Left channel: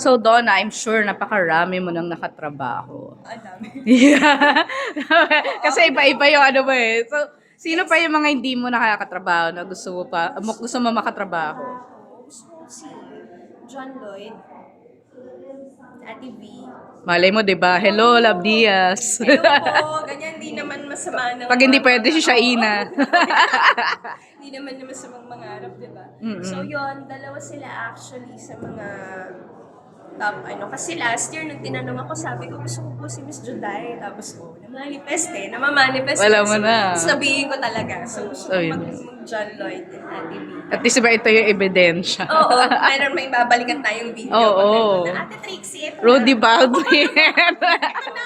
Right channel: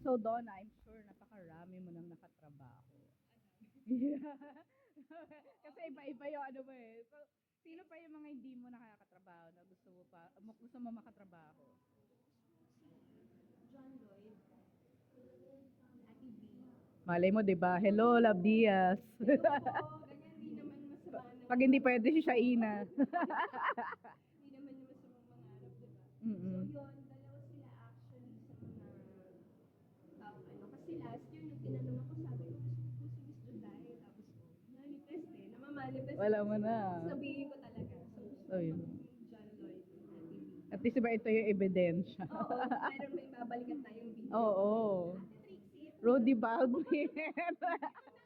So, Donna, I'm sure napakarami mo nang nakatrabaho. Ang dami. Yeah. Kasi iba-iba yung ano ba eh. So, sino pa yung mga hindi mo nakakatrabaho na gusto mo pa, mo- gusto mo makatrabaho? Gusto ko si John Lloyd, Ate V. Malay mo, di ba? Hello, Love Diaz. Hello po, ganyan, di naman masama na. Pag hindi pwede si Shaina. Hindi naman naman sa mga mangarap, di ba? Mm-mm. So yun, dalawa sila actually sa mga top ano. Kasi last year, nung tinanong ako, sabi ko, gusto ko po si Miss Juday. Tapos ko, namanifest eh. Namamanifest. Wala eh. mo na. Sabihin ko talaga. So gusto ko mag, John Lloyd and Ate V. At least ba ito yung ebidensya? Oo, mayroon may babalikan tayong video. Oo. nandun na, Ate Trixie, ito Rudy na. Baldwin. Ito na.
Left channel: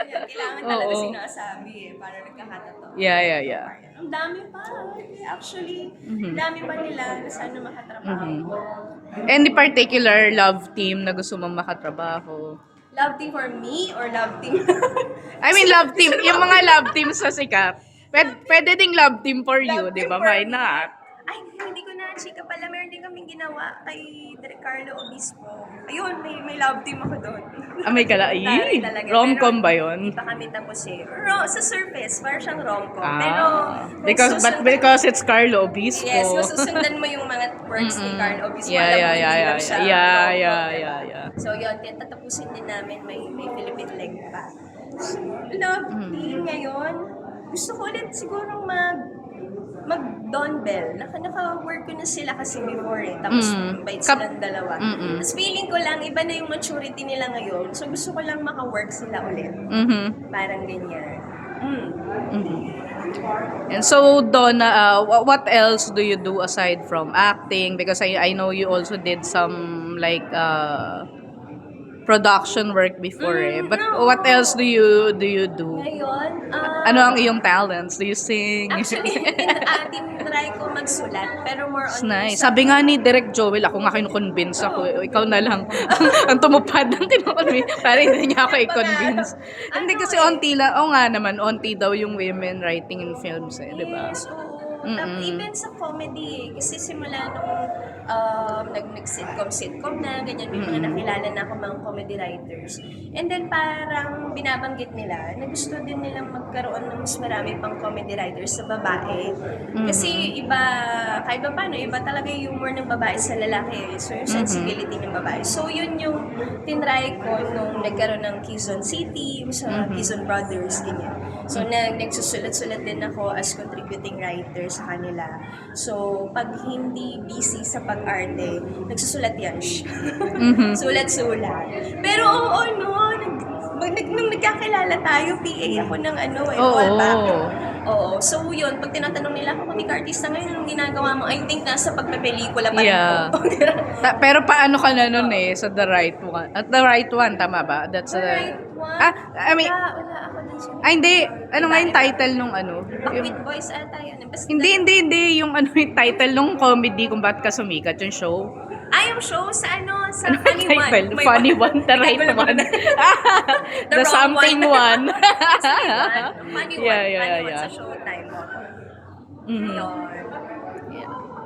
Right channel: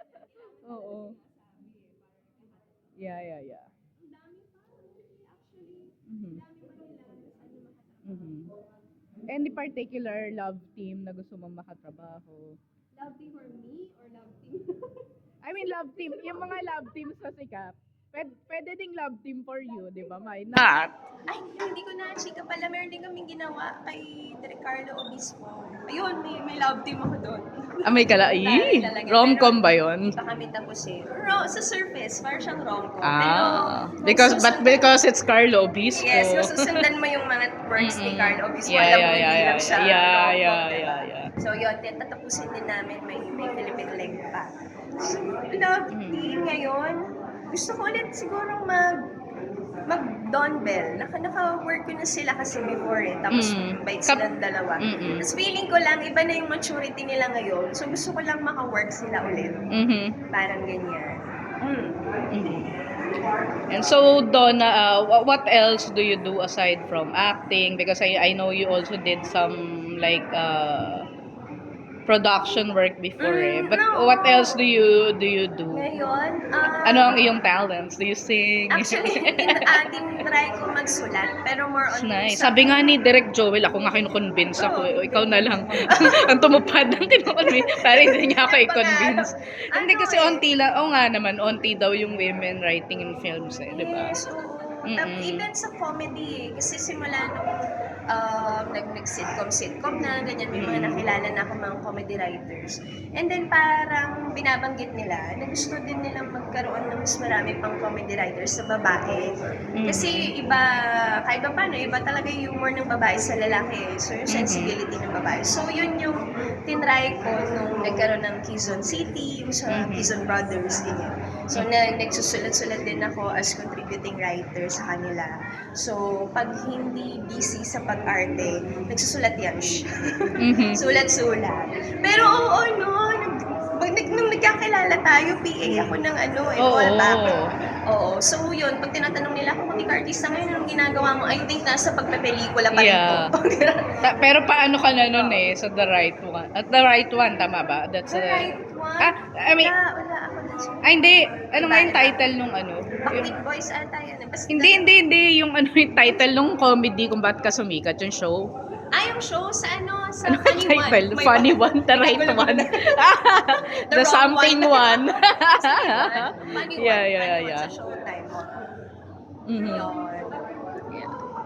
Kaya Kailangan talaga Oo. sinasabi eh, para nagkakatotoo. yeah, yeah, yeah. Ang dami pa. Actually, Mhm. ang dami pa nila na sana makatrabaho. Mhm. Any particular love team na gusto mong makatrabaho? Love team for me or love team? I mean, love team. Yung mga love team sa sikat. Pwede, pwede ding love team for you, di ba? Why not? Ay, hindi ko na, chika pala. Meron din kaming ginawa kay Direk Carlo Obispo. Ayun, may, may love team ako doon. Ah, may kala. Rom-com Pero ba yun? Hindi pa kami tapos eh. Ro- sa surface, parang siyang rom-com. Pero, Ah, kung because, but susundan- because it's Carlo Obispo. Yes, kung susundan mo yung mga works ni. Carlo Obispo, Yeah, alam mo, yeah, hindi yeah, yeah, siya yeah, yeah, yeah, yeah. So yun, tatapusin din namin, may, may Philippine leg pa. So, love Mm. team ngayon, gusto ko ulit siguro mag mag Don Bell. Naka, naka-work ko na sila kasi before eh. Tapos Mm. bait Kap- silang dalawa. Mm-mm. Tapos feeling ko lang, iba na yung maturity nila ngayon. So gusto ko lang maka-work sila ulit. Mhm. Parang ganyan. Mm. Mhm. And so, Donna, uh, wha- what else do you do aside from acting? Because I, I know you also did some like uh, production work before eh. Mm, But no. what else do you do you do? Ngayon, ah, Ano ang iyong talents? Do you sing? Actually, in ating try ko magsulat, pero more on nice. sa- Sabi nga ni Direk Joel, ako nga kinukonvince ako. eh. Ikaw na lang. ang tumupad ng kinukonvince. Parang hindi nga ako i-convince. Ano Hindi kasi eh? onti lang. Oo nga naman, onti daw yung women writing in films eh. Di ba? Yes, oo. Tap, even sa comedy eh. Kasi simula nung um, nag, nag-sitcom, sitcom na, ganyan, may mga nakilala na ako mga comedy writers. And then parang binabanggit nila na gusto din nilang magkaroon ng mas marami pang comedy writers sa babae. Kasi iba, kahit pa paano, iba talaga yung humor ng babae sa lalaki. So yung sensibility ng babae. So yun yung tinry ko nung nagkaroon ng Quezon City, yung sa Mhm. Quezon Brothers, ganyan. So, na, nagsusulat-sulat din ako as contributing writer sa kanila. So, pag hindi busy sa pag-arte, nagsusulat yan siya. Mhm. Sulat-sulat. Pero oo, no, nag, nag, nung nagkakilala tayo, PA ako ng ano, eh, Oo. fallback. Oo. So, yun, pag tinatanong nila ako, kung artista ngayon, anong ginagawa mo? I think nasa pagpepelikula pa rin Yeah. po. Ta- pero paano ka na nun eh, sa the right one? At the right one, tama ba? That's The the- right one? Ah, I mean, wala, wala ako ah, hindi. Ano nga yung title nung ano? Yung, Backbeat Boys yun. Basta, hindi, hindi, hindi. Yung ano yung title nung comedy kung ba't ka sumikat yung show. Ah, yung show sa ano, sa Ano Funny One. title? May Funny one, the right one. lang the, wrong something one. Funny one. Funny one. Yeah, yeah, Funny one yeah. sa Showtime mo. Mhm. Yun.